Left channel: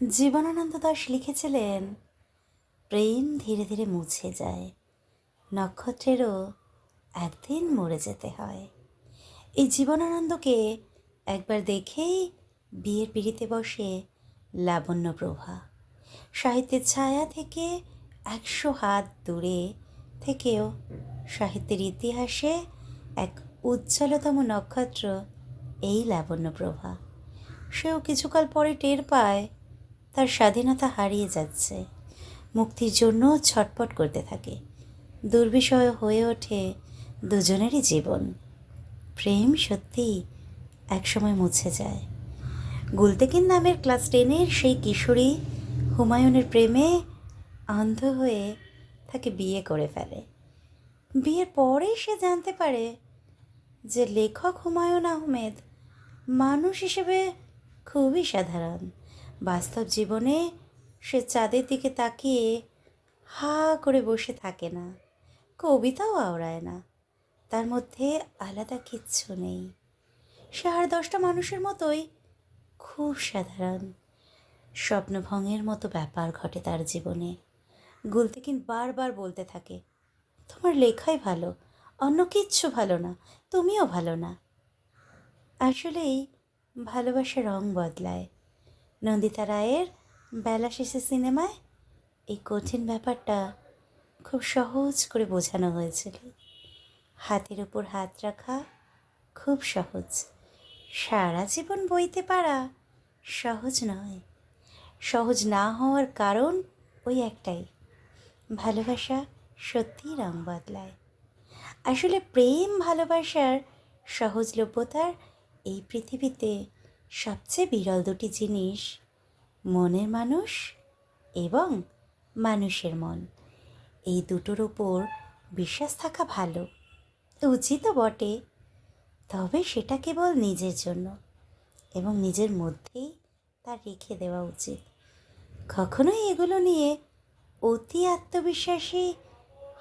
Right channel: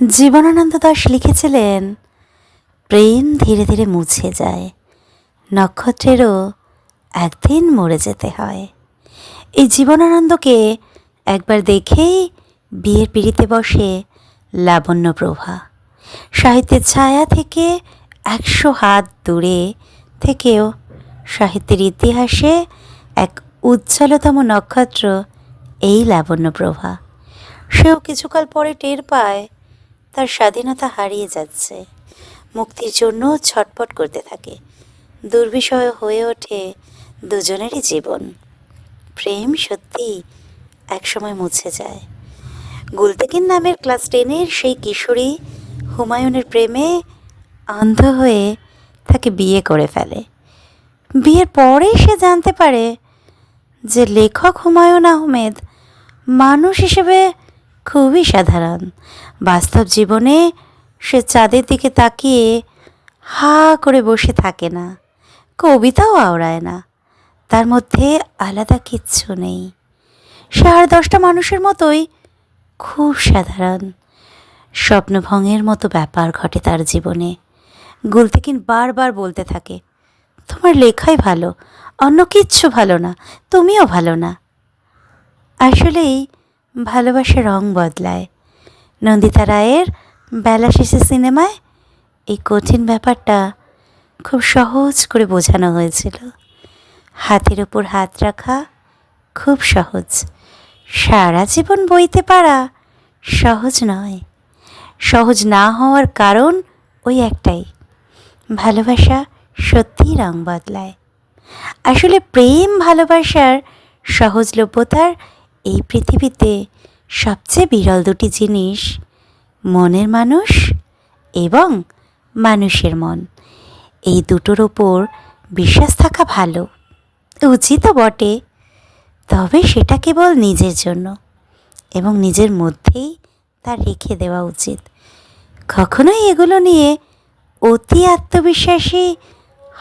জীবনানন্দ দাস লিখেছিলেন, প্রেম ধীরে ধীরে মুছে যায়, নক্ষত্রেরও একদিন মরে যেতে হয়। এই জীবনানন্দকে একবার দেখেই বিয়ের পিড়িতে বসে লাবণ্যপ্রভা সাহিত্যের ছায়া থেকে একশো হাত দূরে থেকেও সাহিত্যের ইতিহাসে এক উজ্জ্বলতম নক্ষত্র এই লাবণ্যপ্রভা সেও কিছুকাল পরে টের পায় তার স্বাধীনতা হারিয়ে যাচ্ছে। মুক্তির জন্য ছটপট করতে থাকে। দুর্বিষয় হয়ে ওঠে দুজনেরই জীবন। প্রেম সত্যি একসময় মুছে যায়। গুলতেকিন নামের ক্লাস টেনের সেই কিশোরী হুমায়ুনের প্রেমে অন্ধ হয়ে তাকে বিয়ে করে ফেলে। বিয়ের পরে সে জানতে পারে যে লেখক হুমায়ুন আহমেদ মানুষ হিসেবে খুবই সাধারণ। বাস্তব জীবনে সে চাঁদের দিকে তাকিয়ে হা করে বসে থাকে না, কবিতাও আওড়ায় না, তার মধ্যে আলাদা কিচ্ছু নেই। সে আর দশটা মানুষের মতোই খুব সাধারণ, স্বপ্নভঙ্গের মতো ব্যাপার ঘটে তার জীবনে। গুলতেকিন বারবার বলতে থাকে, তোমার লেখাই ভালো, অন্য কিচ্ছু ভালো না, তুমিও ভালো না। আসলেই ভালোবাসা রং বদলায়। নন্দিতা রায়ের বেলা শেষে সিনেমায় এই কঠিন ব্যাপারটা খুব সহজ করে বোঝানো হয়েছিল। হাতের ওপর হাত রাখা খুব সহজ। সারা জীবন বইতে পারা সহজ নয়। সহজ না হওয়ার কারণ ওই একটাই। ভালোবাসা সত্যিই রং বদলায়। আসলে প্রেম ভালোবাসার সহজলভ্যতার এই পৃথিবীতে সবচেয়ে বিরল দুটি জিনিস, মনের মানুষ এবং মানুষের মন। এই দুটোর ওপর বিশ্বাস থাকা ভালো উচিতও বটে, তবে সেটা কেবল নিজের জন্য এবং নিজের মধ্যেই তা রেখে দেওয়া উচিত কখনোই এগুলো নিয়ে অতি আত্মবিশ্বাসী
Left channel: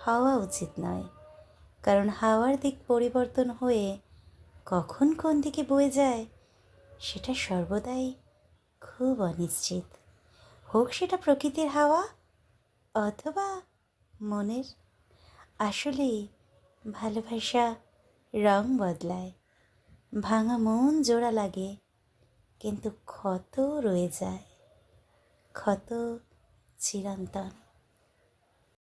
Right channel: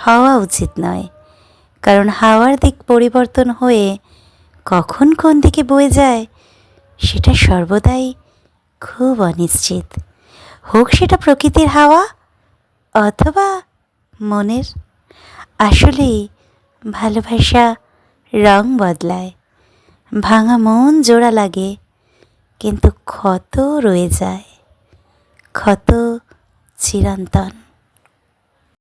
হওয়া উচিত নয়, কারণ হাওয়ার দিক পরিবর্তন হয়ে কখন কোন দিকে বয়ে যায় সেটা সর্বদাই খুব অনিশ্চিত। হোক সেটা প্রকৃতির হাওয়া অথবা মনের। আসলেই ভালোবাসা রং বদলায়। ভাঙা মন জোড়া লাগে, কিন্তু ক্ষত রয়ে যায়। ক্ষত চিরন্তন।